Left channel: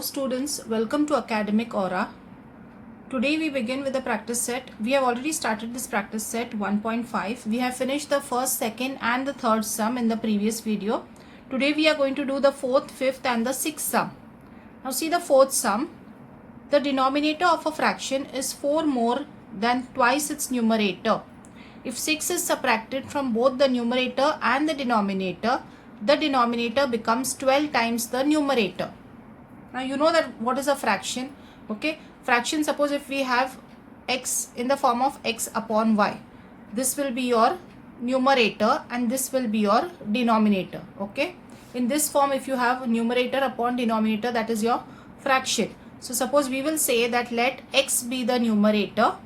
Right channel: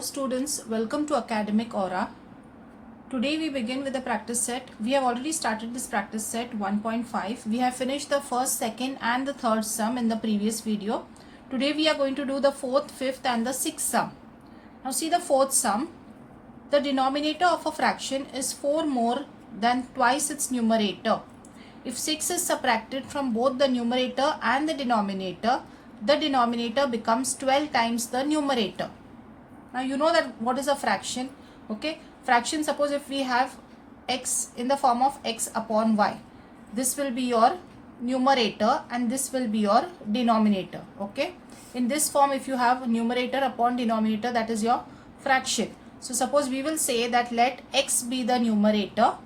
Hello students, welcome to Academic Aura. Today we begin with the practice set. We have already started this practice set 1.5. We have finished the first, second and the third sum in the previous video. Today we are going to do the fourth, fifth and the sixth sum. Now see the fourth sum. The denominator of a fraction is 4 more than twice its numerator. If 6 is subtracted from both the numerator and the denominator becomes 12 times the numerator. Now you know that what is a fraction, okay? Fraction, suppose if we have x in the form of x upon y. This will be your numerator and this will be your denominator, okay? In this form, if you have numerator upon denominator, that is your fraction. So suppose we will say that let x be the numerator,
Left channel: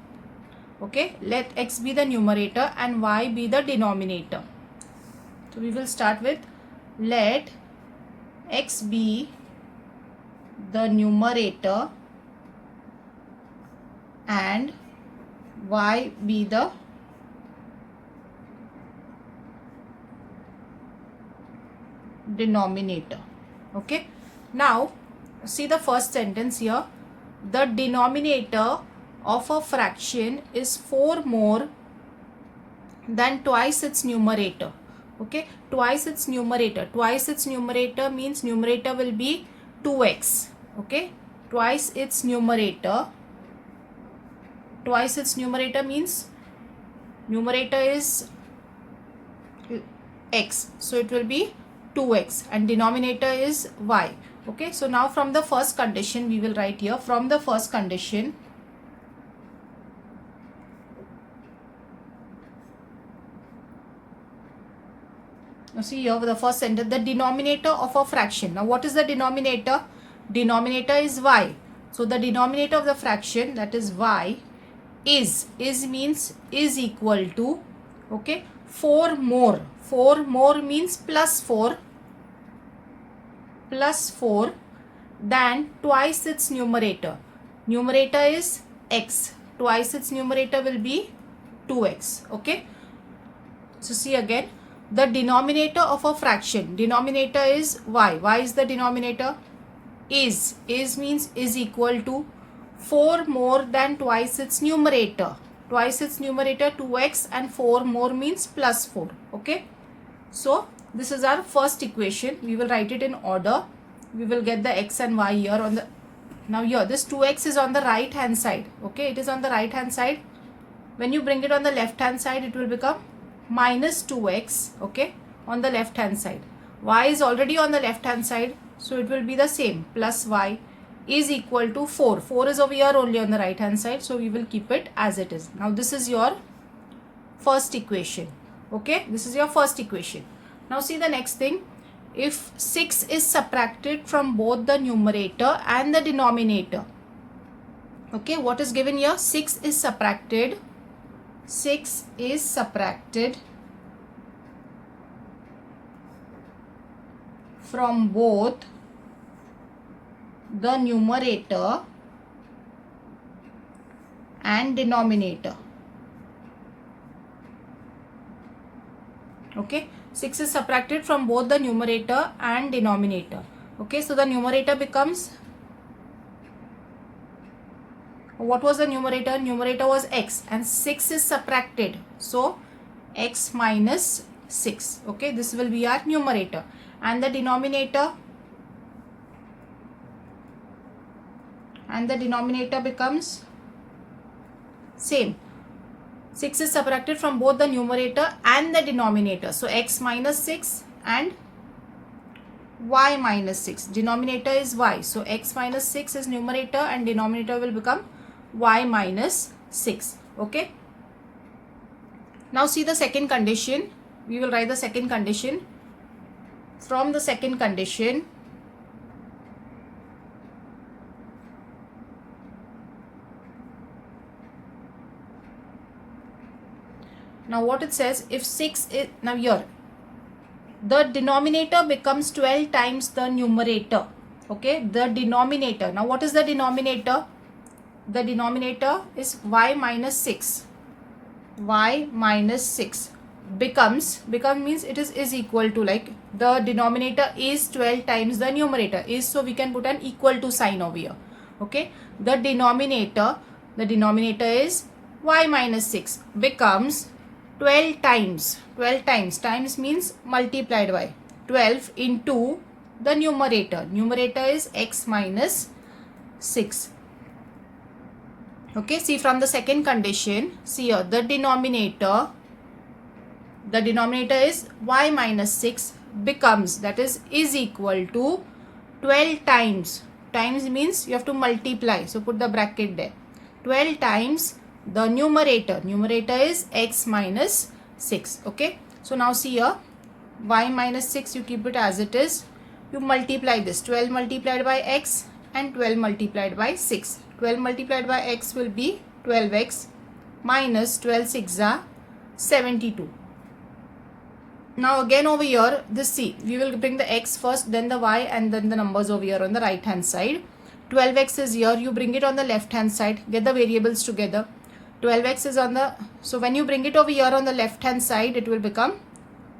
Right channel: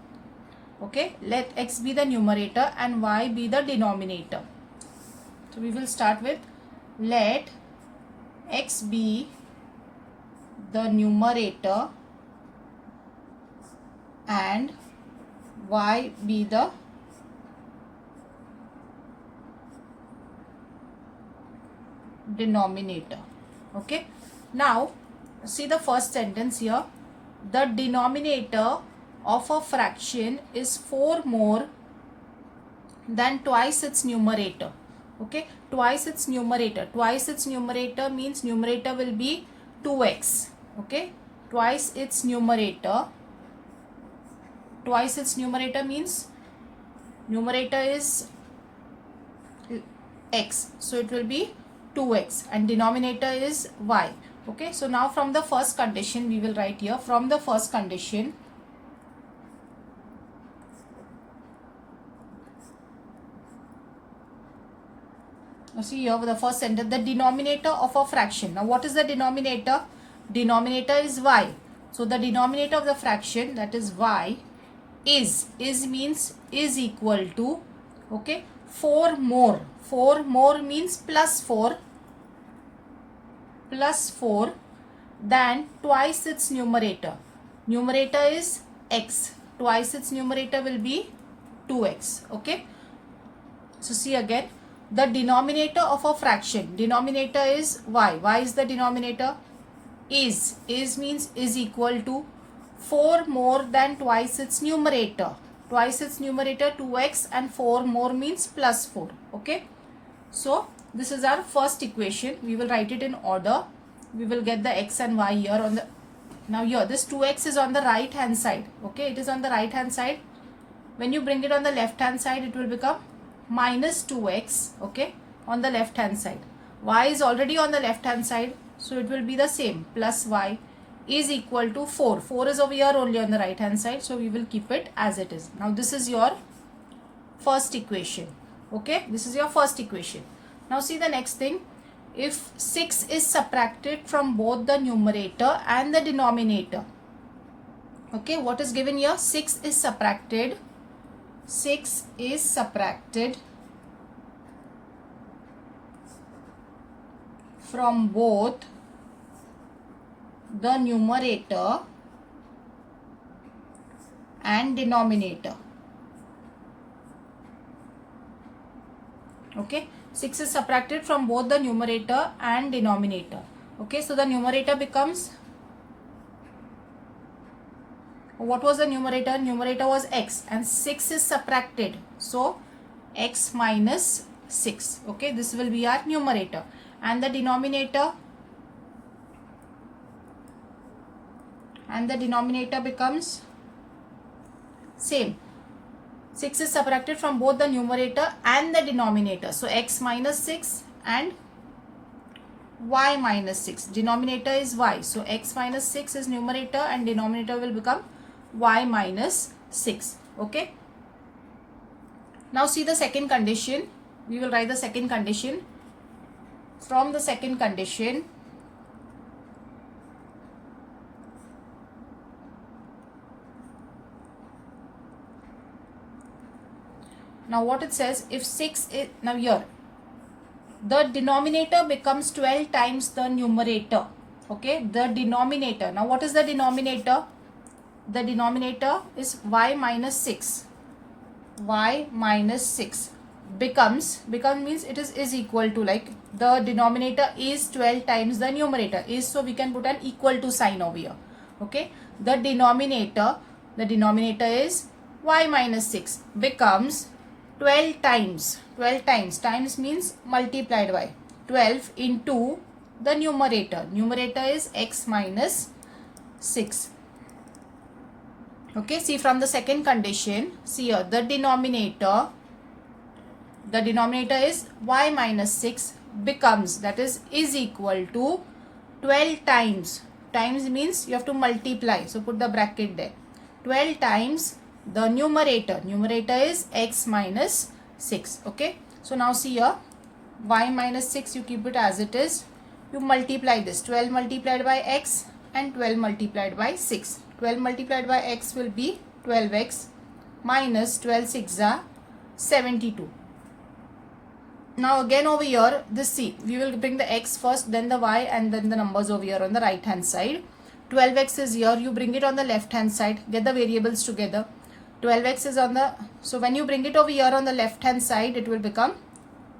okay? Let x be the numerator and y be the denominator. So we will start with let x be the numerator and y be the denominator. Okay, now see the first sentence here. The denominator of a fraction is 4 more than twice its numerator. Okay, twice its numerator means numerator will be 2x. Okay, twice its numerator means numerator is x, so it will be 2x and denominator is y. Okay, so now from the first condition we will write here, from the first condition now see here the first sentence, the denominator of a fraction. Now what is the denominator? Denominator is y. So the denominator of the fraction, that is y, is means is equal to, okay, 4 more. 4 more means plus 4 than twice its numerator. Numerator is x. Twice its numerator will be 2x. Okay. So see again, the denominator of a fraction, denominator is y. Y is the denominator. Is means is equal to 4 more than twice its numerator. Twice its numerator 2x and 4 more means plus 4. Okay. So this is our first equation. We will write it in order. We will get the x and y here on the, now here this 2x is on the right hand side. Okay, it is on the right hand side. When you bring it on the left hand side, it will become minus 2x, okay, on the left hand side. Y is already on the left hand side, so it will be the same, plus y is equal to 4. 4 is over here only on the right hand side, so we will keep it as it is. Now this is your first equation. Okay, this is your first equation. Now see the next thing. If 6 is subtracted from both the numerator and the denominator, okay, what is given here? 6 is subtracted from both the numerator and denominator. Okay, 6 is subtracted from both the numerator and denominator. Okay, so the numerator becomes, what was the numerator? Numerator was x and 6 is subtracted, so x minus 6. Okay, this will be our numerator. And the denominator becomes same. 6 is subtracted from both the numerator and the denominator. So x minus 6 and y minus 6. Denominator is y. So x minus 6 is numerator and denominator will become y minus 6. Okay. Now see the second condition. We will write the second condition. From the second condition, now what it says, if 6 is, now here the denominator becomes 12 times the numerator. Okay, the denominator, now what is the denominator? The denominator is y minus 6. becomes means it is equal to, like the denominator is 12 times the numerator is, so we can put an equal to sign over here. Okay, the denominator is y minus 6 becomes 12 times, times means multiplied by 12 into the numerator is x minus 6. Okay, see from the second condition, see here the denominator is y minus 6 becomes, that is equal to 12 times means you have to multiply, so put the bracket there, 12 times the numerator is x minus 6. Okay, so now see here y minus 6, you keep it as it is, you multiply this, 12 multiplied by x and 12 multiplied by 6. 12 multiplied by x will be 12x minus 12 6 are 72. Now again over here, this see, we will bring the x first, then the y, and then the numbers over here on the right hand side. 12x is here, you bring it on the left hand side, get the variables together. 12x is on the, so when you bring it over here on the left hand side, it will become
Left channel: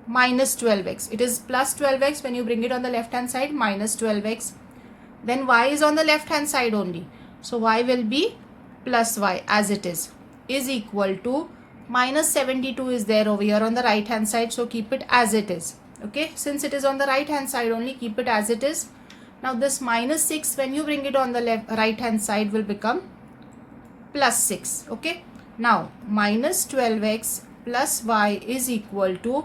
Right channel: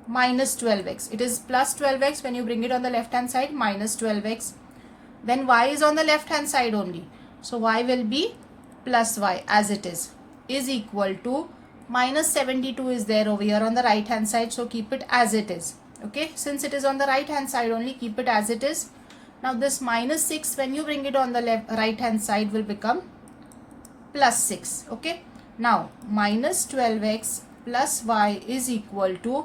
minus 12x. It is plus 12x, when you bring it on the left hand side, minus 12x. Then y is on the left hand side only, so y will be plus y as it is equal to minus 72 is there over here on the right hand side, so keep it as it is. Okay, since it is on the right hand side only, keep it as it is. Now this minus 6, when you bring it on the right hand side, will become plus 6. Okay, now minus 12x plus y is equal to,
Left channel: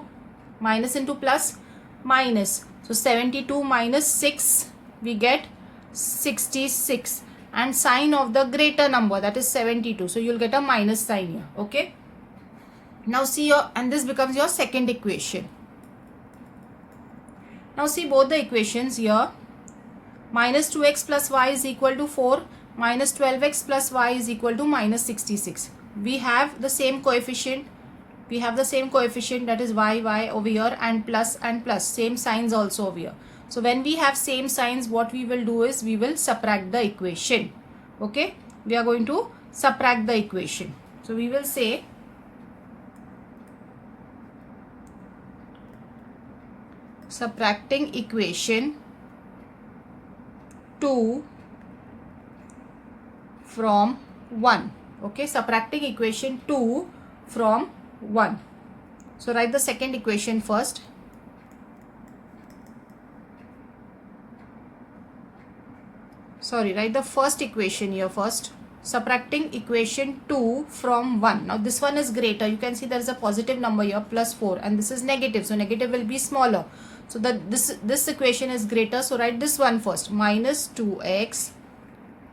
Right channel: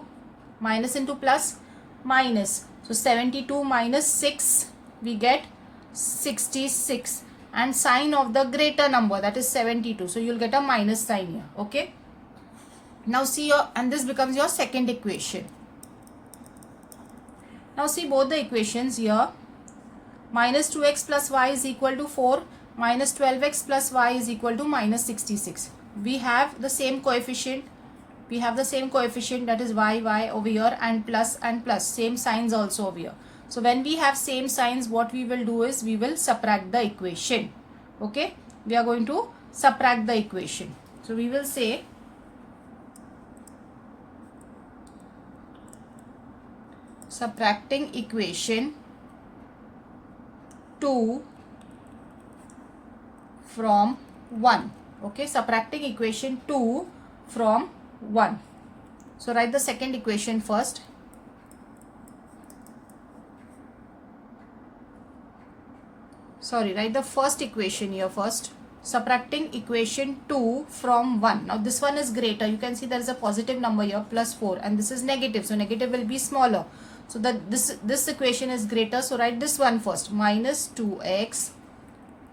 minus into plus, minus, so 72 minus 6 we get 66, and sign of the greater number, that is 72, so you'll get a minus sign here. Okay, now see your, and this becomes your second equation. Now see both the equations here, minus 2x plus y is equal to 4, minus 12x plus y is equal to minus 66. We have the same coefficient, that is y over here, and plus, same signs also over here. So when we have same signs, what we will do is we will subtract the equation. Okay, we are going to subtract the equation. So we will say subtracting equation 2 from 1. Okay, subtracting equation 2 from 1. So write the second equation first. Sorry, write the first equation here first. Subtracting equation 2 from 1. Now this one is greater. You can see there is a positive number here, plus 4, and this is negative. So negative will be smaller. So that this equation is greater. So write this one first. Minus 2x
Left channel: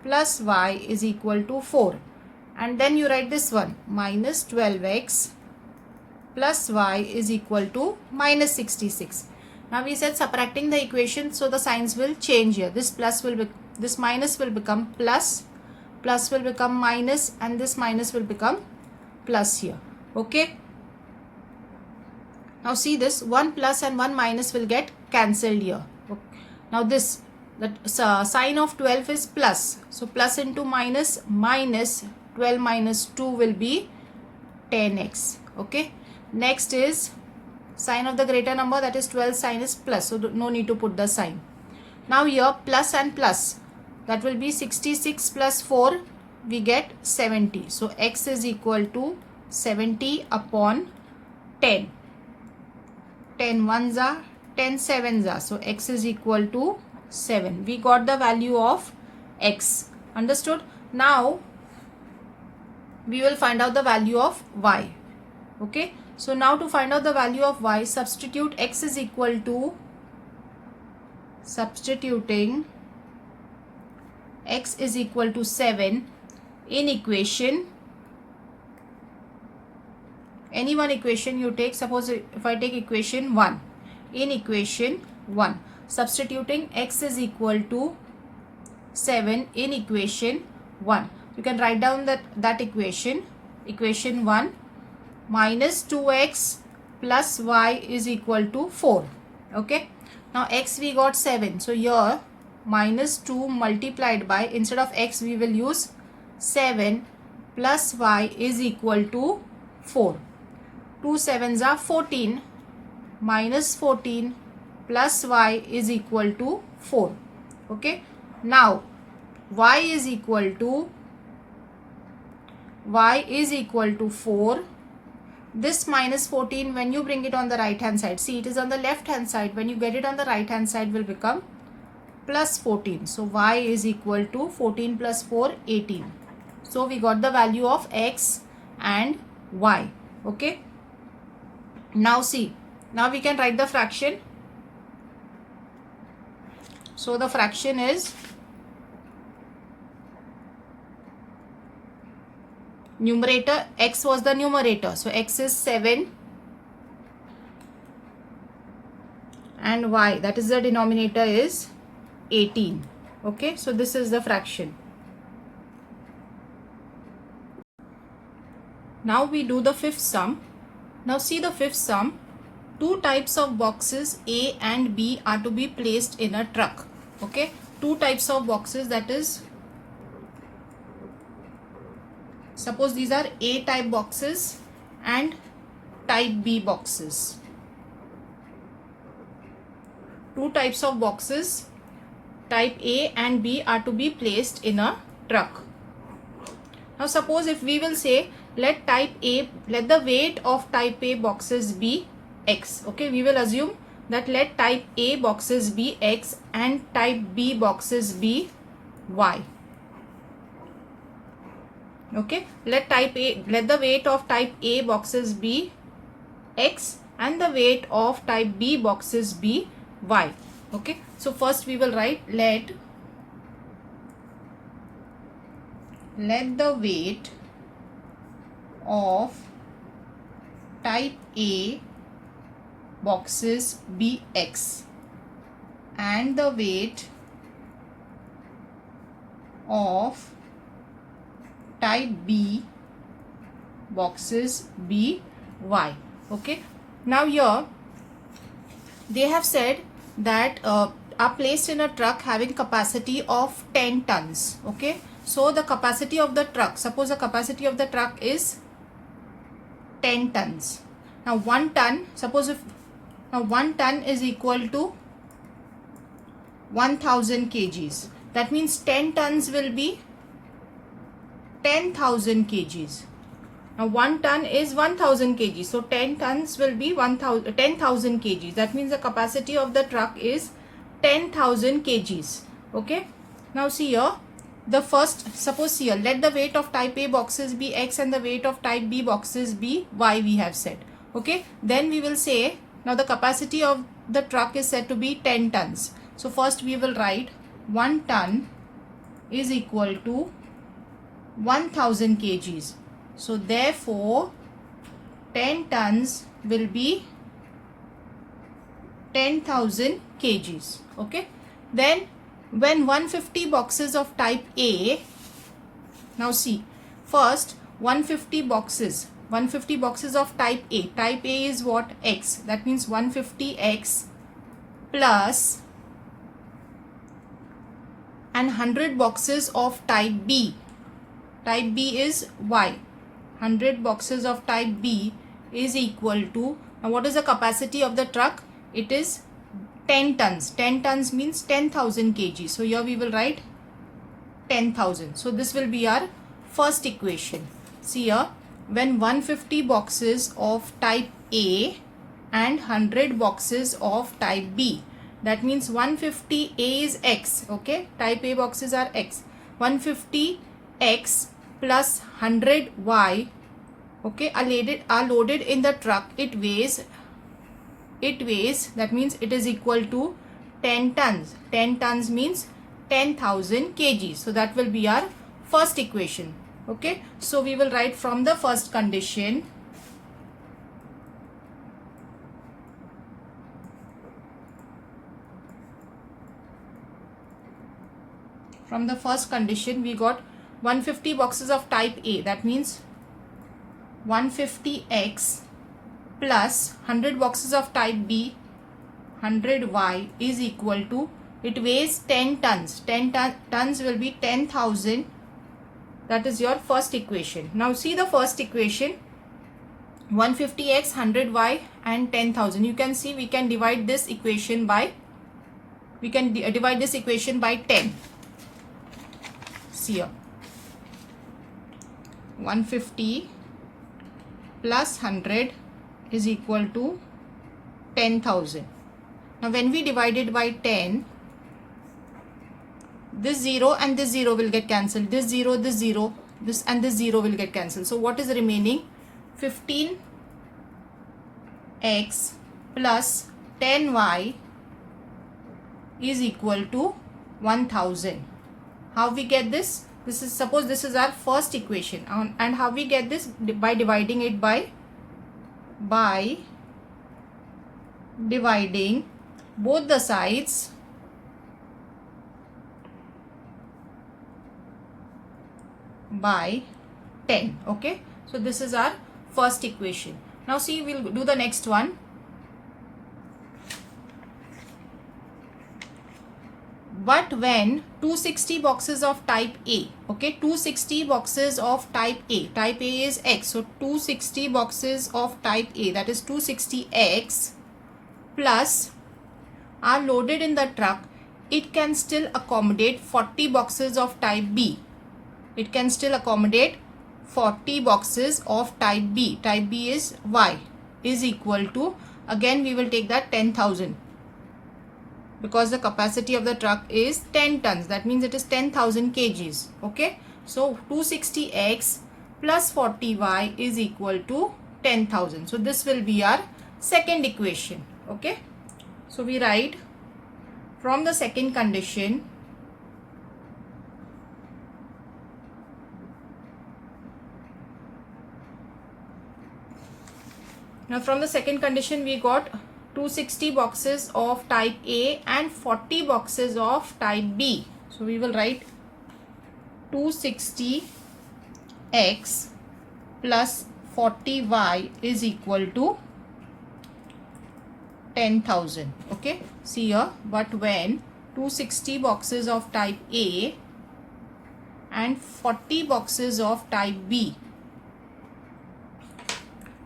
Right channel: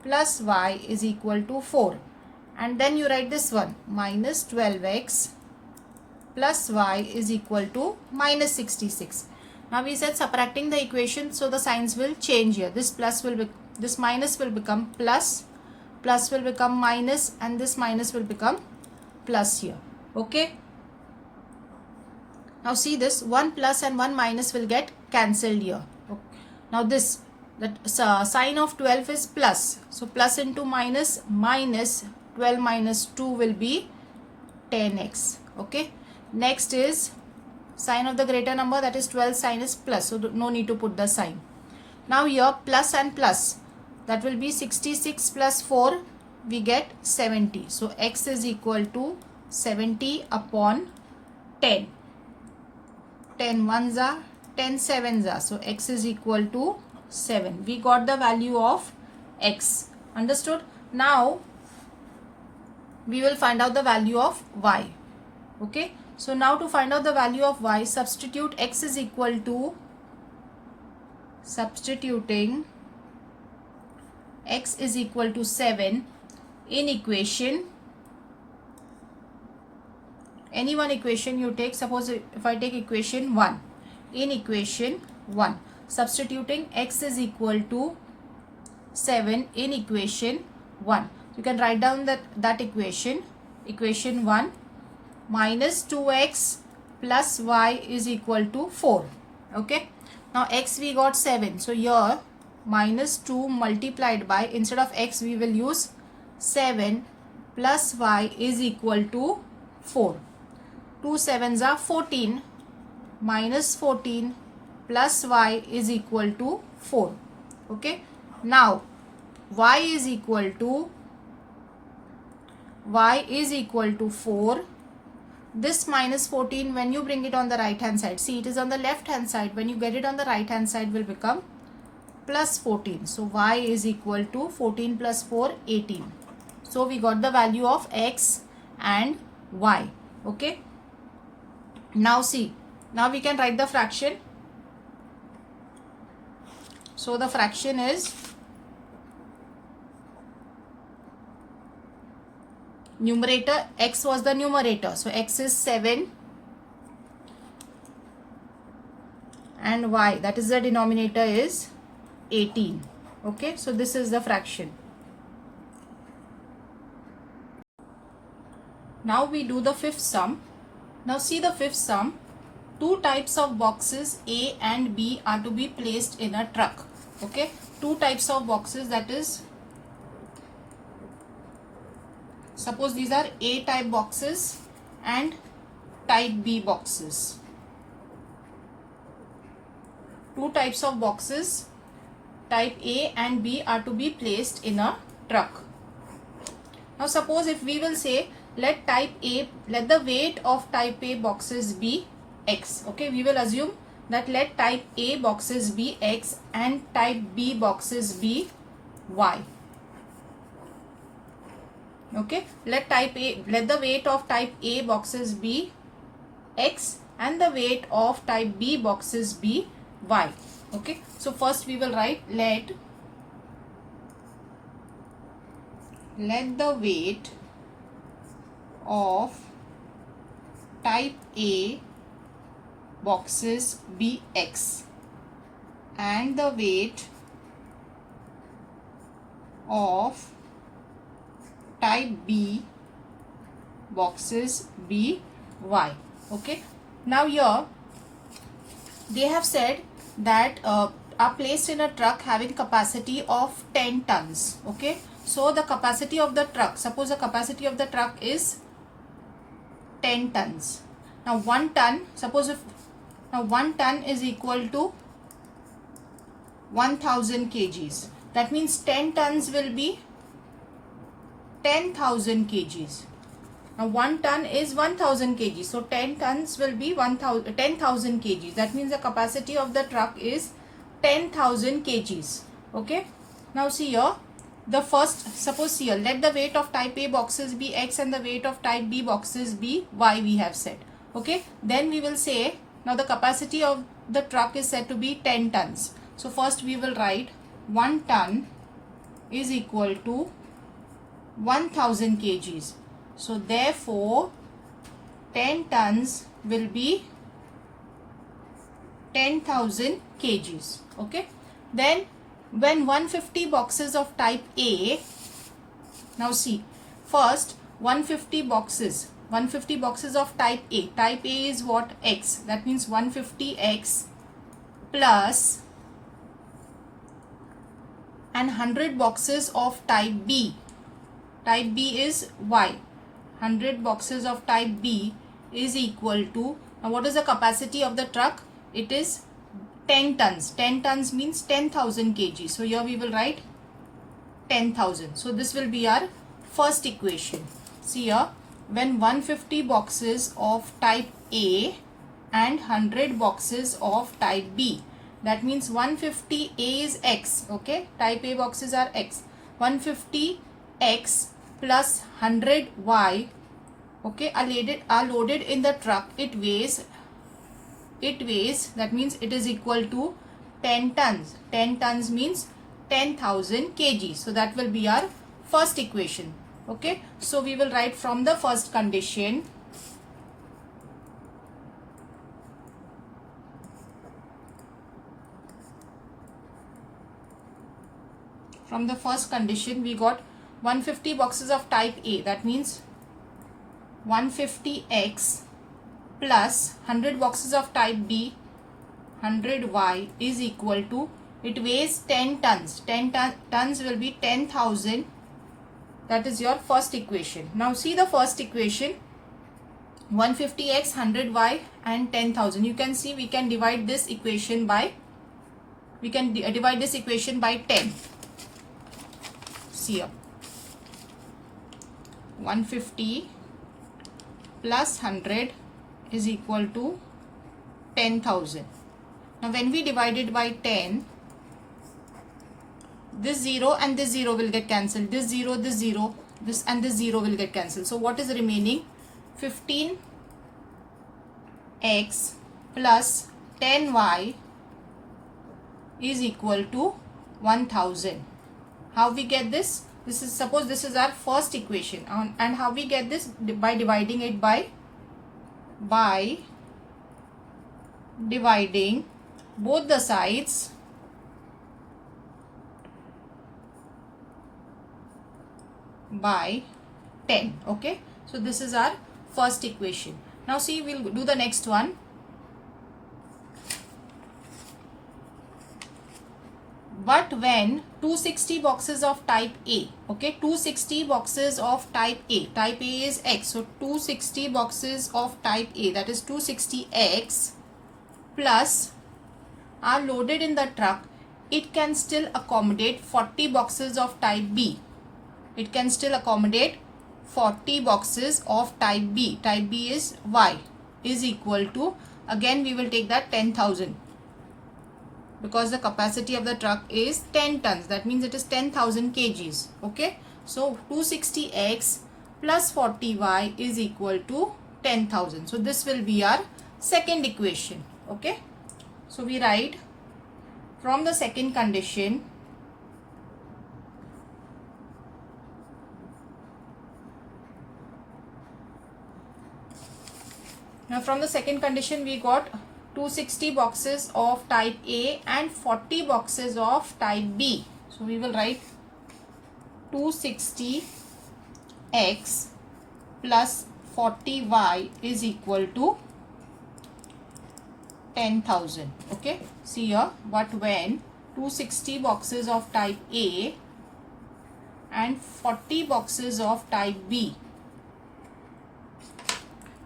plus y is equal to 4. And then you write this one. Minus 12x plus y is equal to minus 66. Now we said subtracting the equation, so the signs will change here. This plus will be, this minus will become plus, plus will become minus, and this minus will become plus here. Okay. Now see this, 1 plus and 1 minus will get cancelled here. Okay. Now this, that sign of 12 is plus. So plus into minus, minus 12 minus 2 will be 10x. Okay. Next is sign of the greater number, that is 12, sign is plus. So no need to put the sign. Now here plus and plus, that will be 66 plus 4, we get 70. So x is equal to 70 upon 10. 10 ones are, 10 sevens are. So x is equal to 7. We got the value of x. Understood? Now we will find out the value of y. Okay. So now to find out the value of y, substitute x is equal to, substituting x is equal to 7 in equation, any one equation you take. Suppose if I take equation 1, in equation 1, substituting x is equal to 7 in equation 1. You can write down that equation, equation 1, minus 2x plus y is equal to 4. Okay. Now x we got 7. So here minus 2 multiplied by, instead of x we will use 7 plus y is equal to 4. 2 sevens are 14 minus 14 plus y is equal to 4. Okay. Now y is equal to 4. This minus 14, when you bring it on the right hand side, see it is on the left hand side, when you get it on the right hand side will become plus 14. So y is equal to 14 plus 4, 18. So we got the value of x and y. Okay. Now see, now we can write the fraction. So the fraction is numerator, x was the numerator, so x is 7 and y, that is the denominator, is 18. Okay, so this is the fraction. Now we do the fifth sum. Now see the fifth sum. Two types of boxes A and B are to be placed in a truck. Okay, two types of boxes, that is, suppose these are A type boxes and type B boxes. Two types of boxes, type A and B, are to be placed in a truck. Now suppose if we will say let the weight of type A boxes be x. Okay, we will assume that let type A boxes be x and type B boxes be y. Okay, let the weight of type A boxes be x and the weight of type B boxes be y. Okay, so first we will write let the weight of type A boxes be x and the weight of type B boxes be y. Okay, now here they have said that are placed in a truck having capacity of 10 tons. Okay, so the capacity of the truck, suppose the capacity of the truck is 10 tons. Now 1 ton, suppose if now 1 ton is equal to 1000 kgs. That means 10 tons will be 10,000 kgs. Now 1 ton is 1000 kgs. So 10 tons will be 10,000 kgs. That means the capacity of the truck is 10,000 kgs. Okay. Now see here, the first, suppose here, let the weight of type A boxes be x and the weight of type B boxes be y, we have said. Okay. Then we will say, now the capacity of the truck is said to be 10 tons. So first we will write 1 ton is equal to 1000 kgs. So therefore 10 tons will be 10,000 kgs. Okay. Then when 150 boxes of type A, now see, first 150 boxes of type A. Type A is what? X. That means 150x plus and 100 boxes of type B. Type B is Y. 100 boxes of type B is equal to, now what is the capacity of the truck? It is 10 tons. 10 tons means 10,000 kg. So here we will write 10,000. So this will be our first equation. See here, when 150 boxes of type A and 100 boxes of type B. That means 150 A is X. Okay, type A boxes are X. 150 X plus 100 Y. Okay, are loaded in the truck. It weighs, that means it is equal to 10 tons. 10 tons means 10,000 kg. So that will be our first equation. Okay, so we will write from the first condition. From the first condition we got 150 boxes of type A. That means 150x plus 100 boxes of type B, 100y is equal to, it weighs 10 tons. 10 tons will be 10,000. That is your first equation. Now see the first equation. 150x, 100y and 10,000. You can see we can divide this equation by, divide this equation by 10. See here, 150 plus 100 is equal to 10,000. Now when we divide it by 10, this 0 and this 0 will get cancelled. This 0, this 0, this and this 0 will get cancelled. So what is remaining? 15x plus 10y is equal to 1000. How we get this? This is, suppose this is our first equation, and how we get this? By dividing it by dividing both the sides by 10. Okay, so this is our first equation. Now see, we'll do the next one. But when 260 boxes of type A, okay, 260 boxes of type A is X, so 260 boxes of type A, that is 260X plus, are loaded in the truck, it can still accommodate 40 boxes of type B. It can still accommodate 40 boxes of type B. Type B is Y, is equal to, again we will take that 10,000. Because the capacity of the truck is 10 tons. That means it is 10,000 kgs. Okay. So 260x plus 40y is equal to 10,000. So this will be our second equation. Okay. So we write, from the second condition, now from the second condition we got 260 boxes of type A and 40 boxes of type B. So we will write 260x plus 40y is equal to 10,000. Okay, see here, but when 260 boxes of type A and 40 boxes of type B.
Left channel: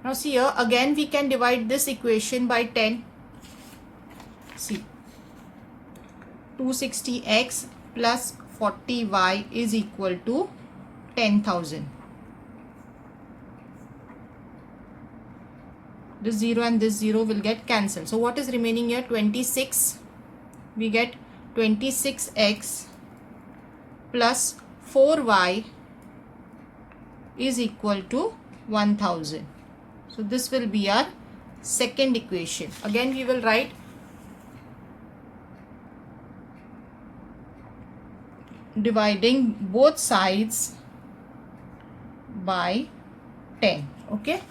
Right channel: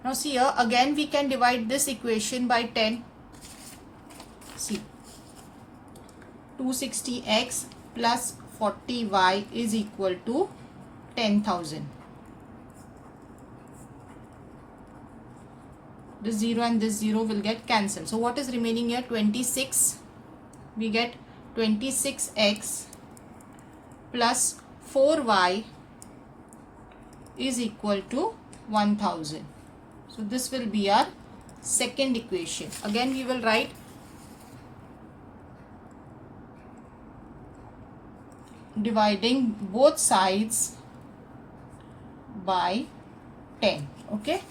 Now see here, again we can divide this equation by 10. See, 260x plus 40y is equal to 10,000. This 0 and this 0 will get cancelled. So what is remaining here? 26. We get 26x plus 4y is equal to 1000. So this will be our second equation. Again we will write dividing both sides by 10. Okay.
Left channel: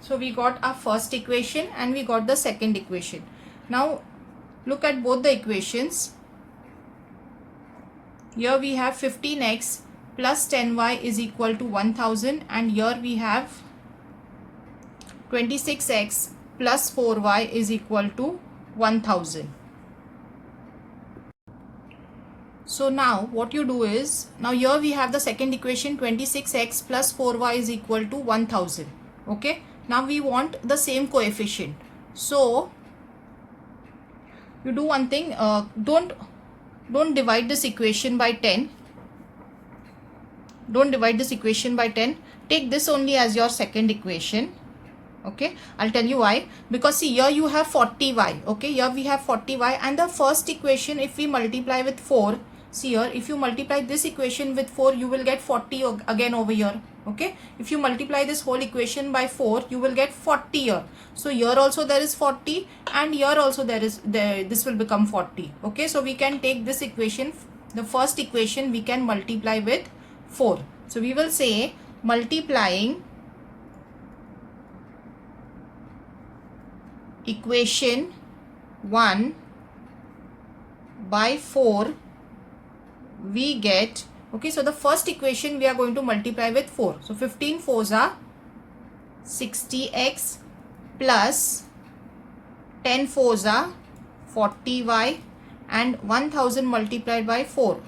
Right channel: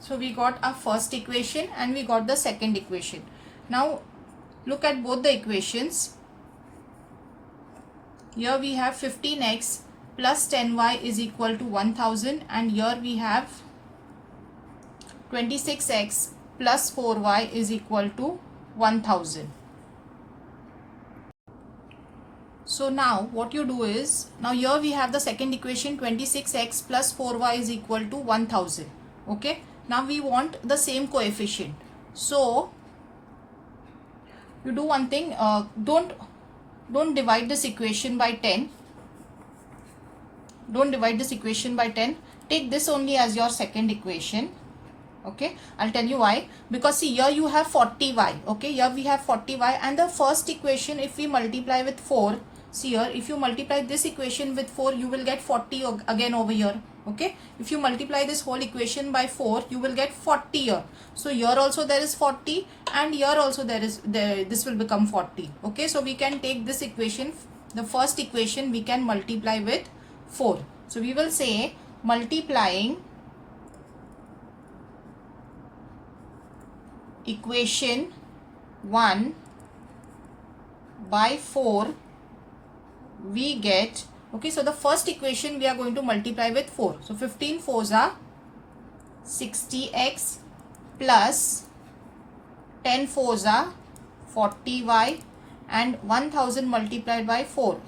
So we got our first equation and we got the second equation. Now look at both the equations. Here we have 15x plus 10y is equal to 1000, and here we have 26x plus 4y is equal to 1000. So now what you do is, now here we have the second equation, 26x plus 4y is equal to 1000. Okay. Now we want the same coefficient. So you do one thing, don't divide this equation by 10. Don't divide this equation by 10. Take this only as your second equation. Okay, I'll tell you why. Because see, here you have 40y. Okay, here we have 40y, and the first equation, if we multiply with 4, see here, if you multiply this equation with 4, you will get 40 again over here. Okay, if you multiply this whole equation by 4, you will get 40 here. So here also there is 40, and here also this will become 40. Okay, so we can take this equation, the first equation, we can multiply with 4. So we will say multiplying equation 1 by 4, we get, okay, so the first equation we are going to multiply with 4. So 15 4s are 60x plus 10 4s are 40y, and 1000 multiplied by 4,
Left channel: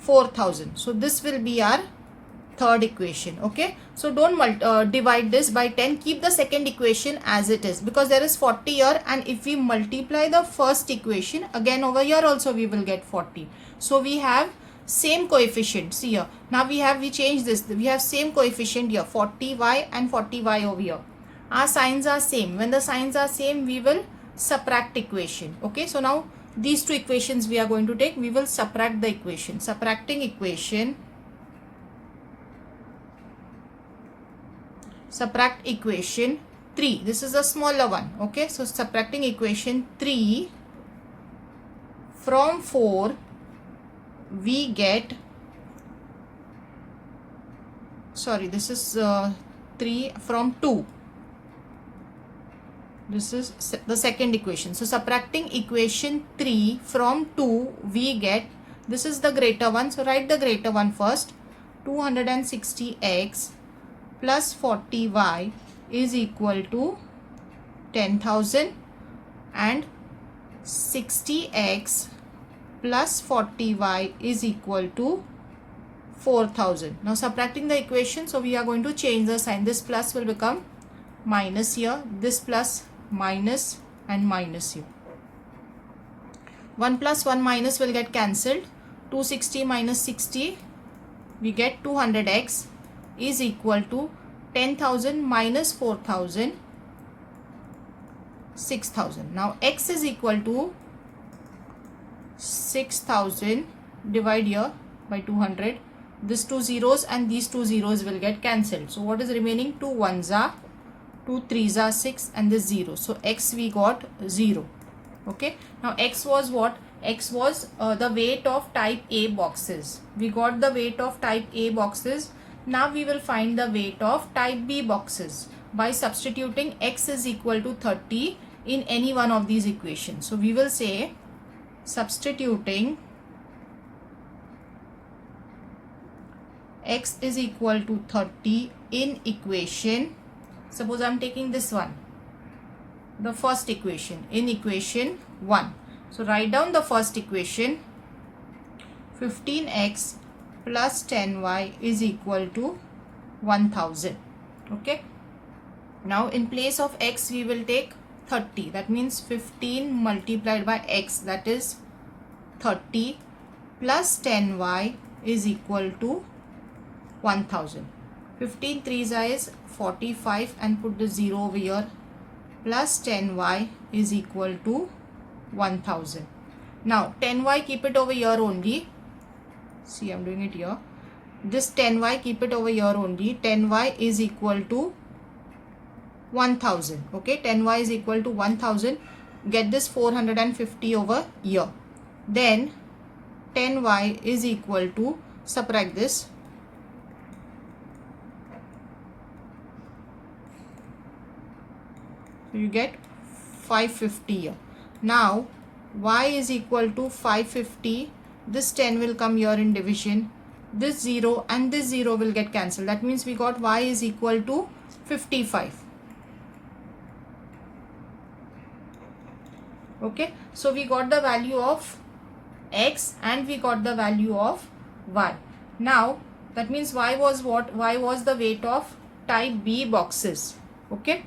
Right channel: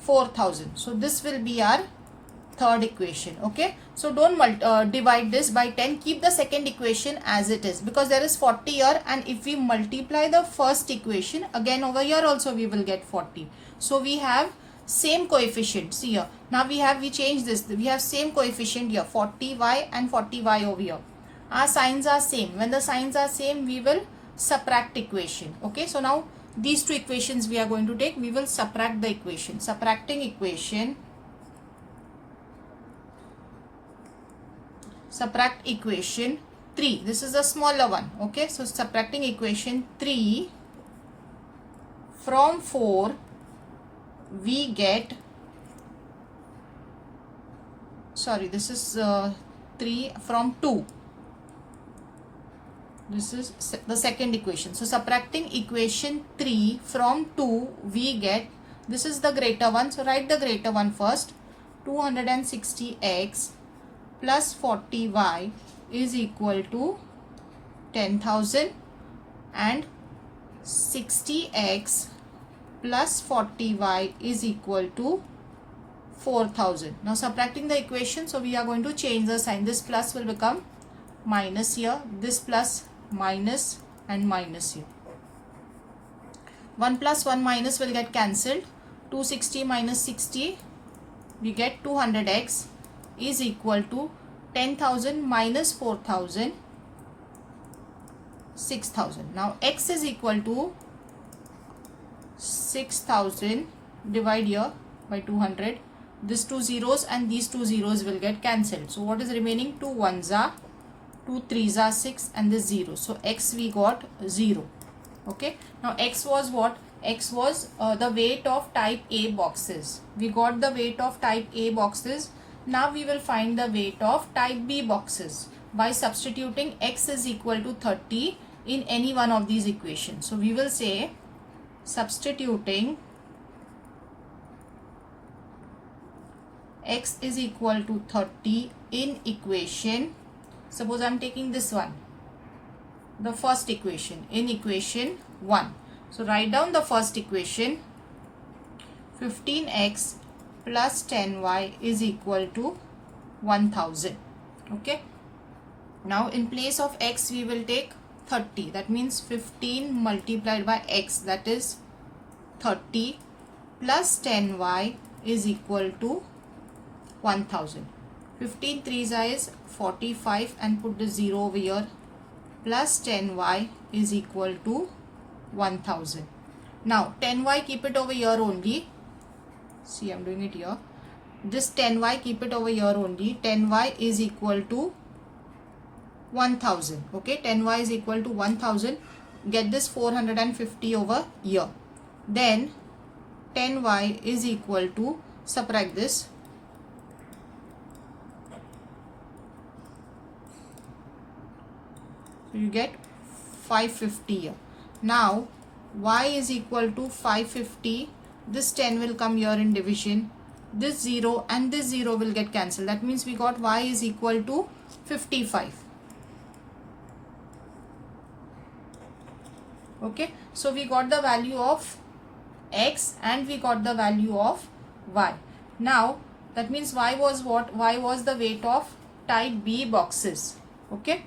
4000. So this will be our third equation. Okay, so don't divide this by 10. Keep the second equation as it is, because there is 40 here, and if we multiply the first equation again over here also we will get 40. So we have same coefficient. See here, now we change this, we have same coefficient here, 40y and 40y over here. Our signs are same. When the signs are same, we will subtract equation. Okay, so now these two equations we are going to take, we will subtract the equation. Subtracting equation, subtract equation 3. This is the smaller one. Okay, so subtracting equation 3 from 4, we get, sorry, this is 3 from 2. This is the second equation. So subtracting equation 3 from 2, we get, this is the greater one. So write the greater one first. 260x plus 40y is equal to 10,000, and 60x plus 40y is equal to 4,000. Now subtracting the equation, so we are going to change the sign. This plus will become minus here, this plus minus, and minus here. 1 plus 1 minus will get cancelled. 260 minus 60, we get 200x is equal to 10,000 minus 4,000, 6,000. Now x is equal to 6,000, divide here by 200. This two zeros and these two zeros will get cancelled. So what is remaining? 2 ones are 2 3s are 6, and this 0. So x we got 0. Okay, now x was what? X was the weight of type A boxes. We got the weight of type A boxes. Now we will find the weight of type B boxes by substituting x is equal to 30 in any one of these equations. So we will say, substituting x is equal to 30 in equation, suppose I am taking this one, the first equation, in equation 1. So write down the first equation. 15x plus 10y is equal to 1000. Okay, now in place of x we will take 30. That means 15 multiplied by x, that is 30, plus 10y is equal to 1000. 15 3s is 45, and put the 0 over here, plus 10y is equal to 1000. Now 10y keep it over here only. See, I am doing it here. This 10y keep it over here only. 10y is equal to 1000. Okay, 10y is equal to 1000. Get this 450 over here. Then 10y is equal to, subtract this, so you get 550 here. Now y is equal to 550. This 10 will come here in division. This 0 and this 0 will get cancelled. That means we got y is equal to 55. Okay, so we got the value of x and we got the value of y. Now that means y was what? Y was the weight of type B boxes. Okay,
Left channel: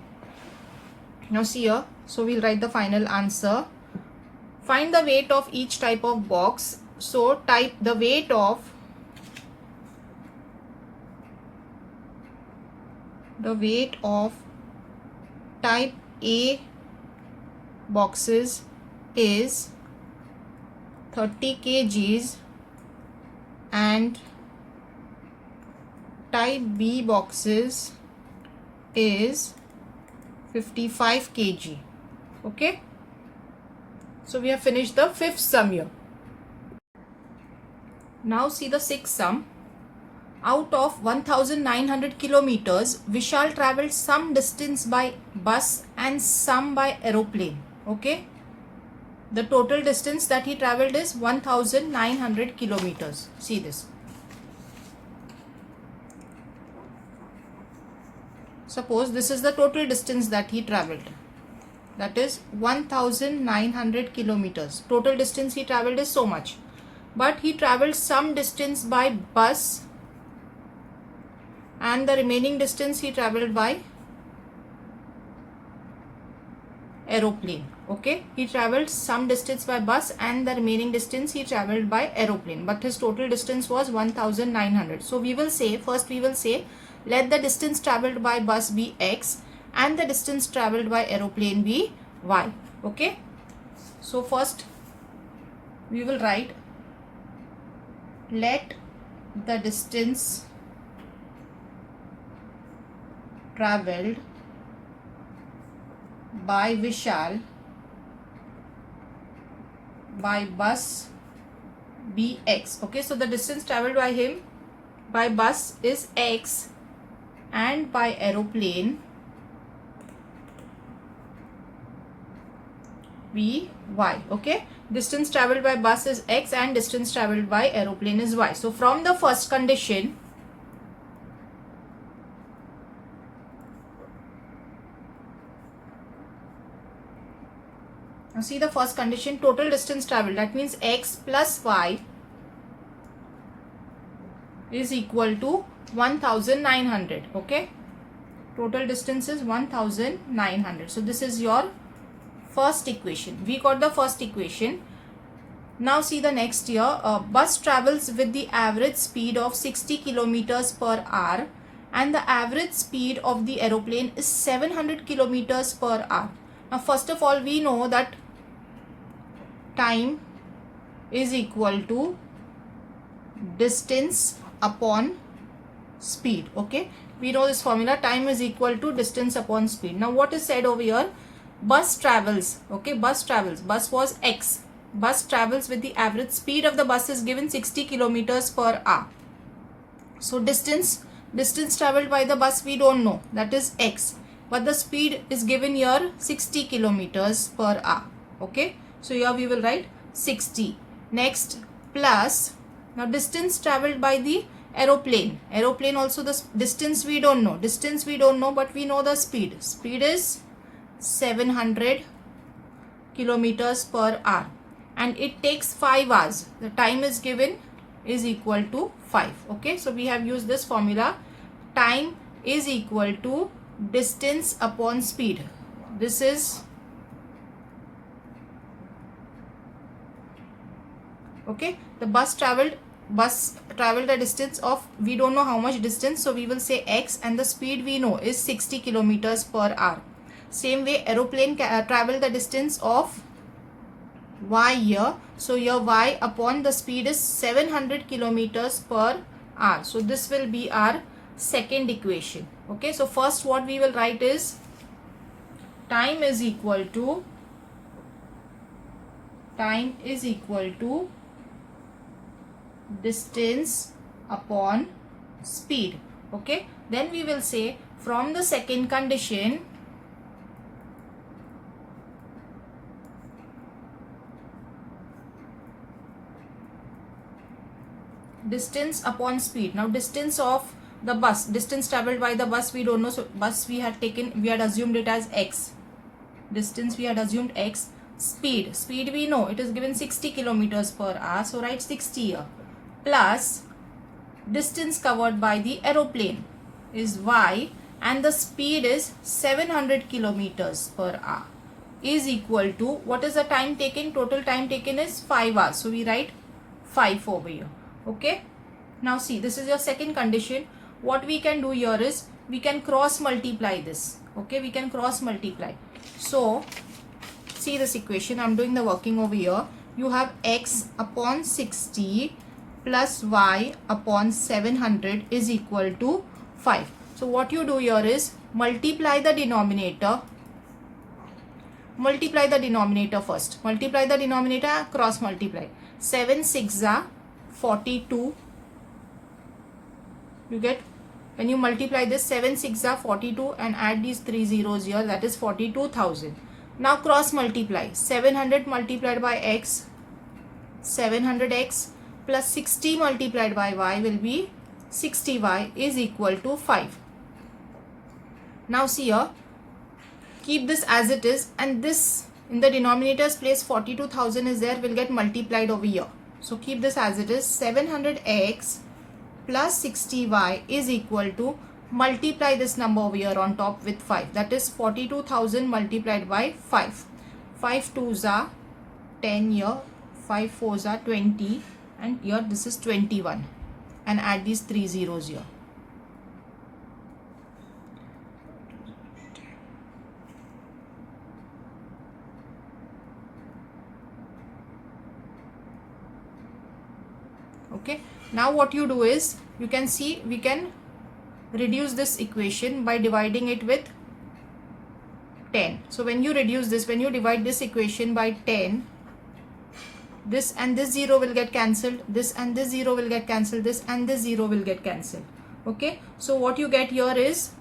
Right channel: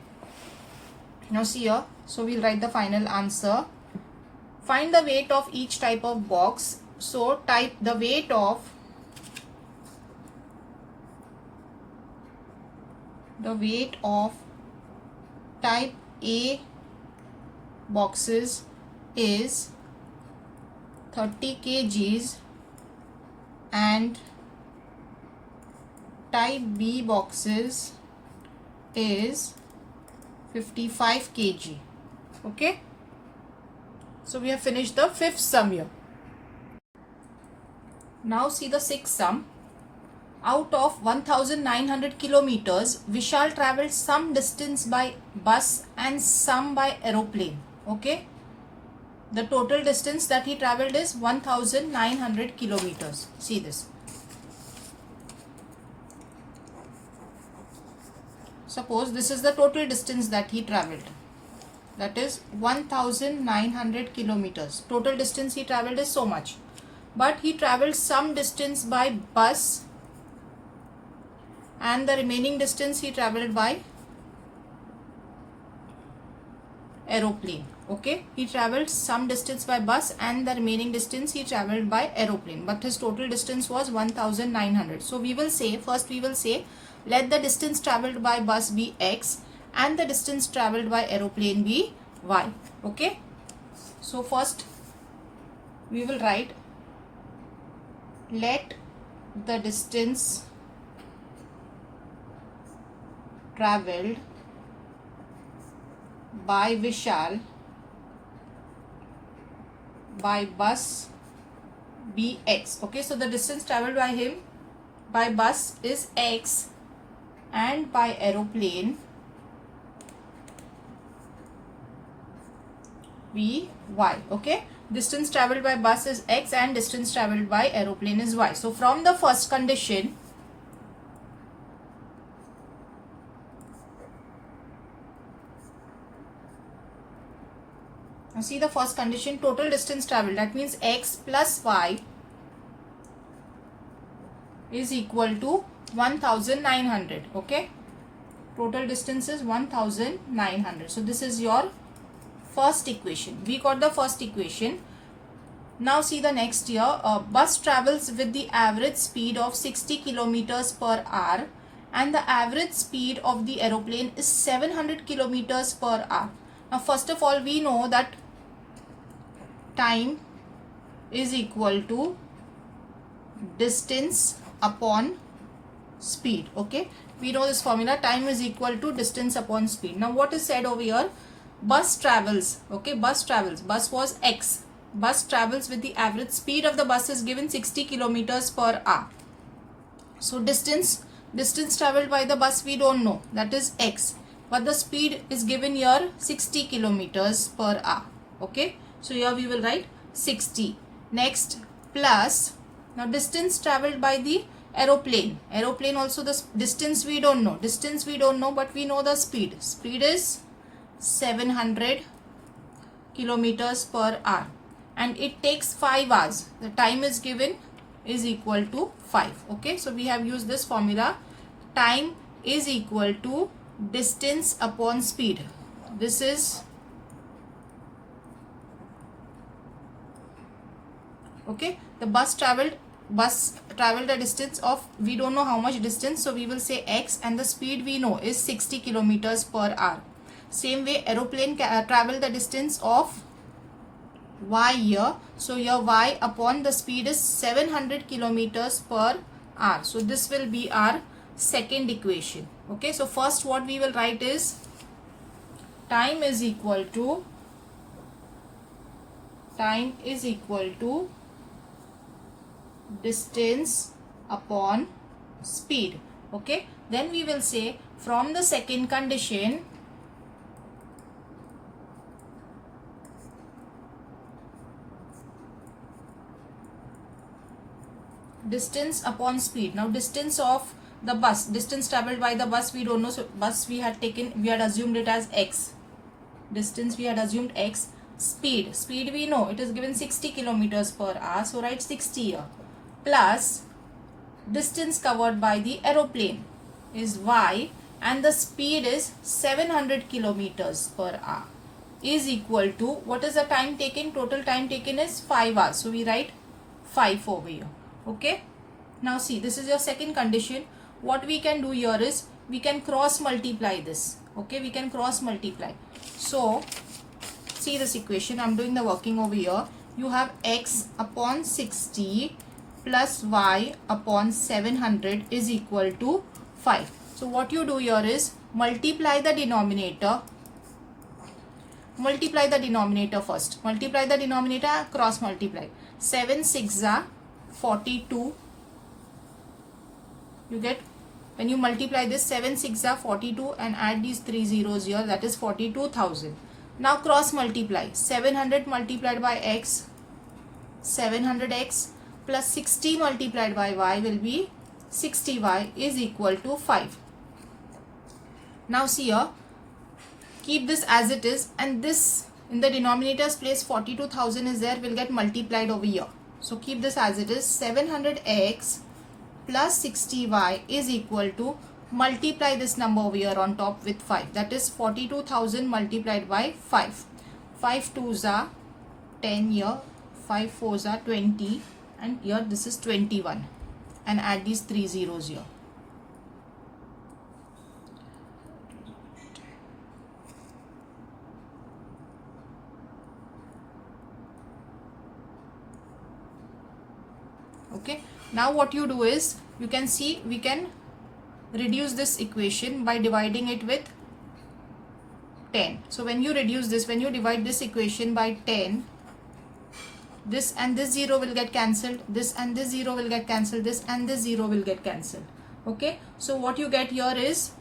now see here, so we'll write the final answer. Find the weight of each type of box. So type the weight of type A boxes is 30 kgs and type B boxes is 55 kg. Okay, so we have finished the fifth sum here. Now see the sixth sum. Out of 1900 kilometers, Vishal traveled some distance by bus and some by aeroplane. Okay, the total distance that he traveled is 1900 kilometers. See this. Suppose this is the total distance that he traveled. That is 1900 kilometers. Total distance he traveled is so much. But he traveled some distance by bus and the remaining distance he traveled by aeroplane. Okay, he traveled some distance by bus and the remaining distance he traveled by aeroplane, but his total distance was 1900. So we will say, first we will say, let the distance traveled by bus be x and the distance traveled by aeroplane be y. Okay, so first we will write, let the distance traveled by Vishal by bus be x. Okay, so the distance traveled by him by bus is x and by aeroplane be y. Okay, distance traveled by bus is x and distance traveled by aeroplane is y. So from the first condition, now see the first condition, total distance traveled, that means x plus y is equal to 1900. Okay, total distance is 1900. So this is your first equation. We got the first equation. Now see the next here. Bus travels with the average speed of 60 kilometers per hour and the average speed of the aeroplane is 700 kilometers per hour. Now first of all, we know that time is equal to distance upon speed. Okay, we know this formula, time is equal to distance upon speed. Now what is said over here, bus travels. Okay, bus travels, bus was x, bus travels with the average speed of the bus is given 60 kilometers per hour. So distance traveled by the bus we don't know, that is x, but the speed is given here 60 kilometers per hour. Okay, so here we will write 60. Next, plus, now distance traveled by the aeroplane. Aeroplane also the distance we don't know. Distance we don't know, but we know the speed. Speed is 700 kilometers per hour and it takes 5 hours. The time is given is equal to 5. Okay, so we have used this formula. Time is equal to distance upon speed. This is, okay, the bus traveled a distance of, we don't know how much distance, so we will say x, and the speed we know is 60 kilometers per hour. Same way, aeroplane traveled the distance of y here, so here y upon the speed is 700 kilometers per hour. So this will be our second equation. Okay, so first what we will write is, time is equal to distance upon speed. Okay, then we will say, from the second condition, distance upon speed. Now distance of the bus, distance traveled by the bus we don't know, so bus we had assumed it as x, distance we had assumed x. Speed we know, it is given 60 kilometers per hour, so write 60 here, plus distance covered by the aeroplane is y and the speed is 700 kilometers per hour is equal to, what is the time taken? Total time taken is 5 hours, so we write 5 over here. Okay, now see, this is your second condition. What we can do here is, we can cross multiply this. Okay, we can cross multiply. So see this equation, I'm doing the working over here. You have x upon 60 plus y upon 700 is equal to 5. So what you do here is, multiply the denominator first. Multiply the denominator, cross multiply. 7 6 are 42. You get, when you multiply this, 7 6 are 42 and add these 3 zeros here, that is 42,000. Now cross multiply. 700 multiplied by x, 700x, plus 60 multiplied by y will be 60y is equal to 5. Now see here, keep this as it is, and this in the denominator's place 42,000 is there, will get multiplied over here. So keep this as it is. 700x plus 60y is equal to multiply this number over here on top with 5. That is 42,000 multiplied by 5. 5 2s are 10 here, 5 4s are 20, and here this is 21, and add these 3 zeros here. Okay, now what you do is, you can see we can reduce this equation by dividing it with 10. So when you reduce this, when you divide this equation by 10, this and this 0 will get cancelled, this and this 0 will get cancelled, this and this 0 will get cancelled. Okay, so what you get here is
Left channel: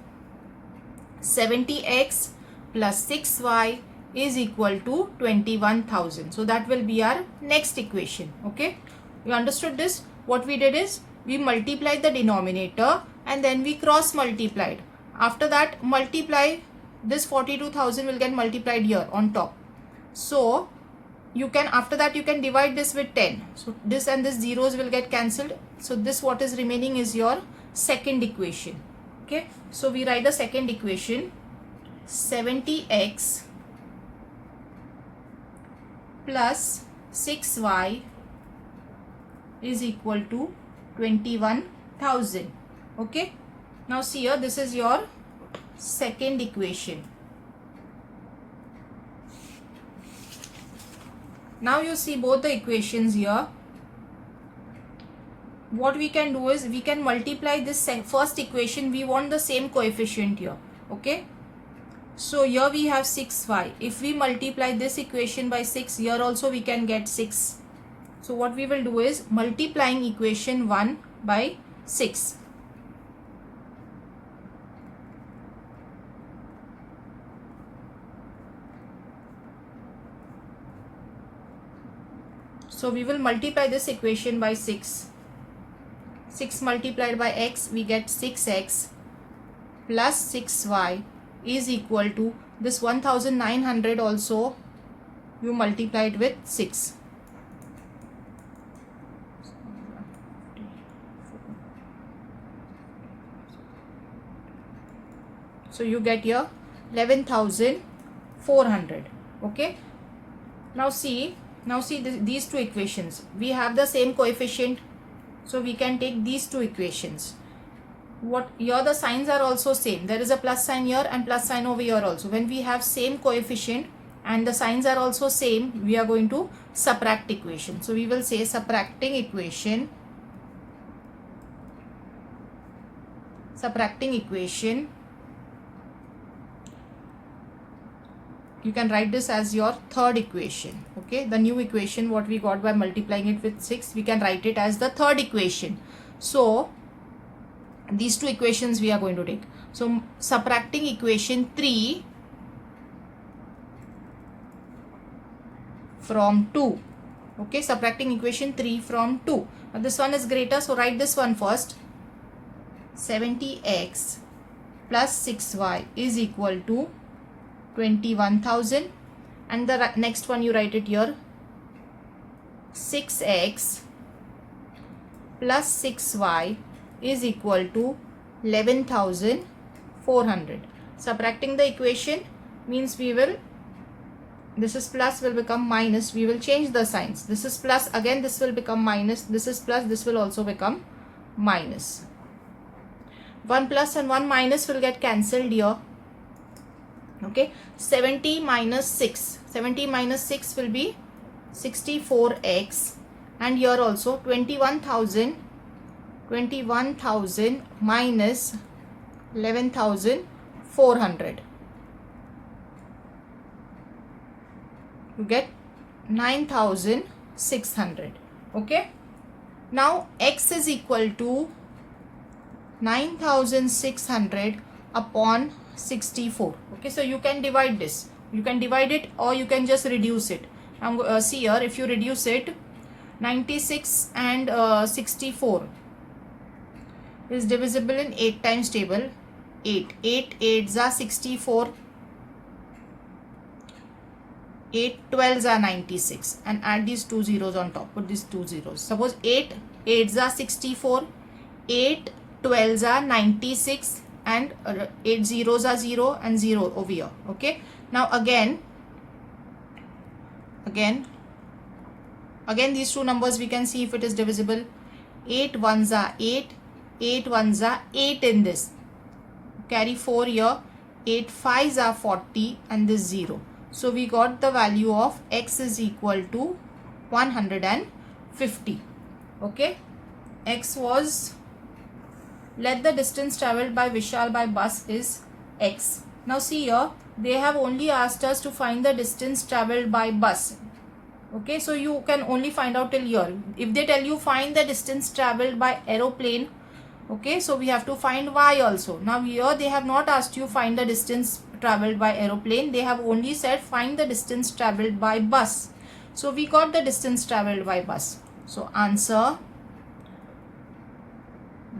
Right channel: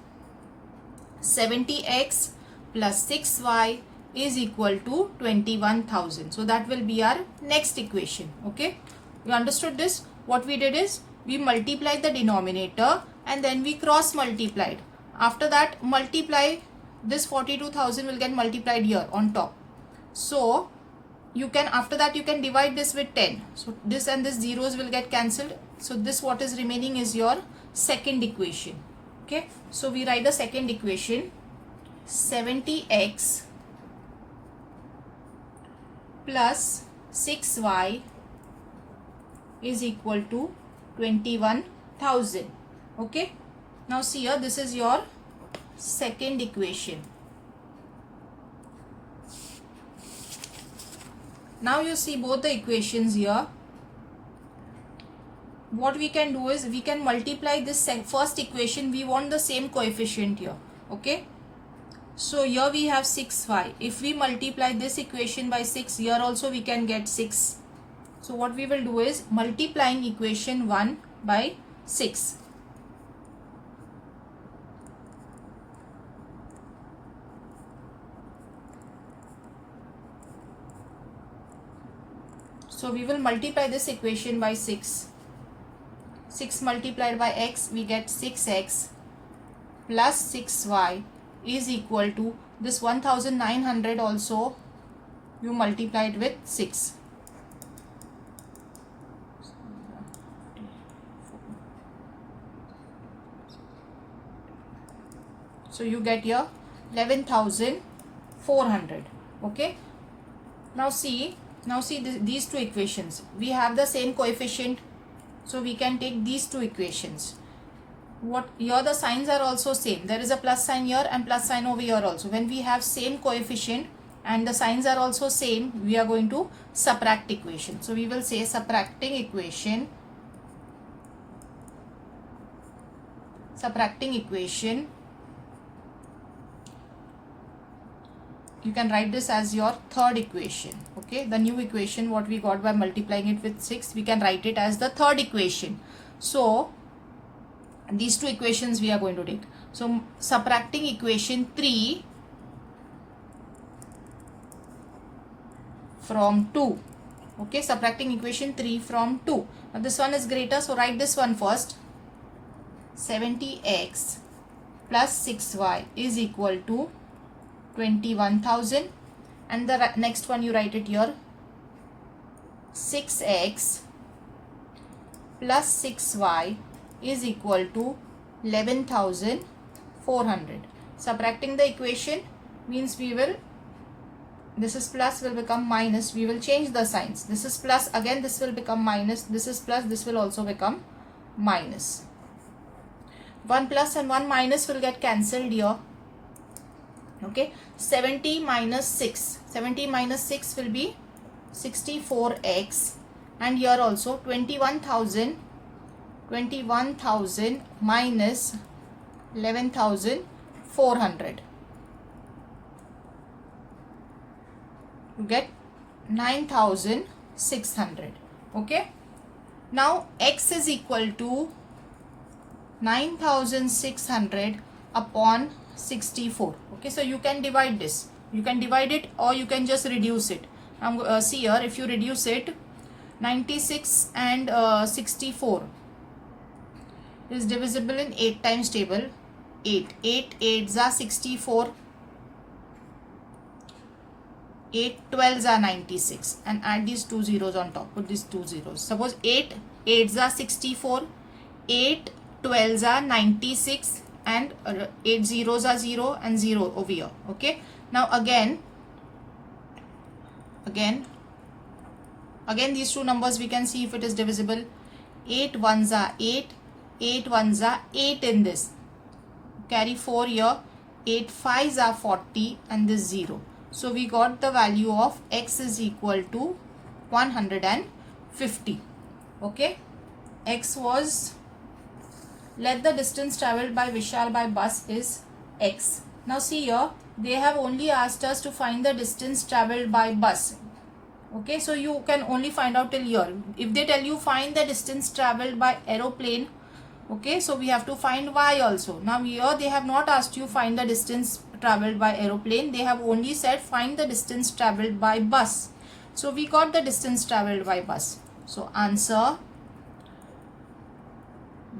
70x plus 6y is equal to 21,000. So that will be our next equation. Okay, you understood this? What we did is, we multiplied the denominator and then we cross multiplied. After that, multiply this 42,000 will get multiplied here on top. So you can, after that you can divide this with 10. So this and this zeros will get cancelled. So this, what is remaining is your second equation. Okay, so we write the second equation, 70x plus 6y is equal to 21,000. Okay, now see here, this is your second equation. Now you see both the equations here. What we can do is, we can multiply this first equation. We want the same coefficient here. Okay, so here we have 6y. If we multiply this equation by 6, here also we can get 6. So what we will do is, multiplying equation 1 by 6. So we will multiply this equation by 6. 6 multiplied by x, we get 6x plus 6y is equal to this 1900 also you multiplied with 6. So you get here 11,400. Okay, now see these two equations. We have the same coefficient, so we can take these two equations. What here, the signs are also same. There is a plus sign here and plus sign over here also. When we have same coefficient and the signs are also same, we are going to subtract equation. So we will say subtracting equation. You can write this as your third equation. Okay, the new equation what we got by multiplying it with 6, we can write it as the third equation. So these two equations we are going to take. So subtracting equation 3 from 2. Okay, subtracting equation 3 from 2. Now this one is greater, so write this one first. 70x plus 6y is equal to 21,000, and the next one you write it here, 6x plus 6y is equal to 11,400. Subtracting the equation means we will, this is plus will become minus, we will change the signs. This is plus, again this will become minus, this is plus, this will also become minus. 1 plus and 1 minus will get cancelled here. Okay, 70 minus 6 will be 64x, and here also 21,000 minus 11,400, you get 9,600. Okay, now x is equal to 9,600 upon 64. Okay, so you can divide this, you can divide it or you can just reduce it. Now see here, if you reduce it, 96 and 64 is divisible in 8 times table. 8 8s are 64, 8 12s are 96, and add these 2 zeros on top. Put these 2 zeros. Suppose 8 8s are 64, 8 12s are 96, and 8 zeros are 0 and 0 over here. Okay, now again these two numbers we can see if it is divisible. 8 ones are 8, 8 ones are 8 in this, carry 4 here, 8 5s are 40 and this 0. So we got the value of x is equal to 150. Okay, x was, let the distance travelled by Vishal by bus is x. Now see here, they have only asked us to find the distance travelled by bus. Okay, so you can only find out till here. If they tell you find the distance travelled by aeroplane, okay, so we have to find y also. Now here they have not asked you find the distance travelled by aeroplane, they have only said find the distance travelled by bus. So we got the distance travelled by bus. So answer,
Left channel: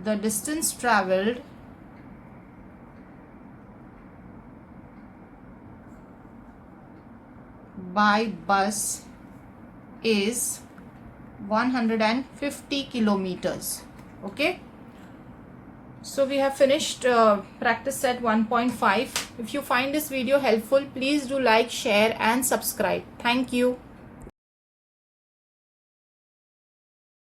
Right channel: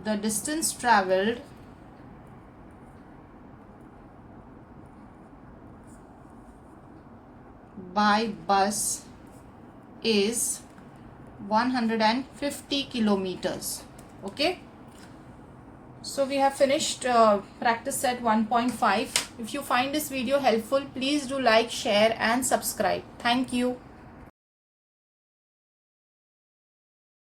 the distance travelled by bus is 150 kilometers. Okay, so we have finished practice set 1.5. If you find this video helpful, please do like, share and subscribe. Thank you.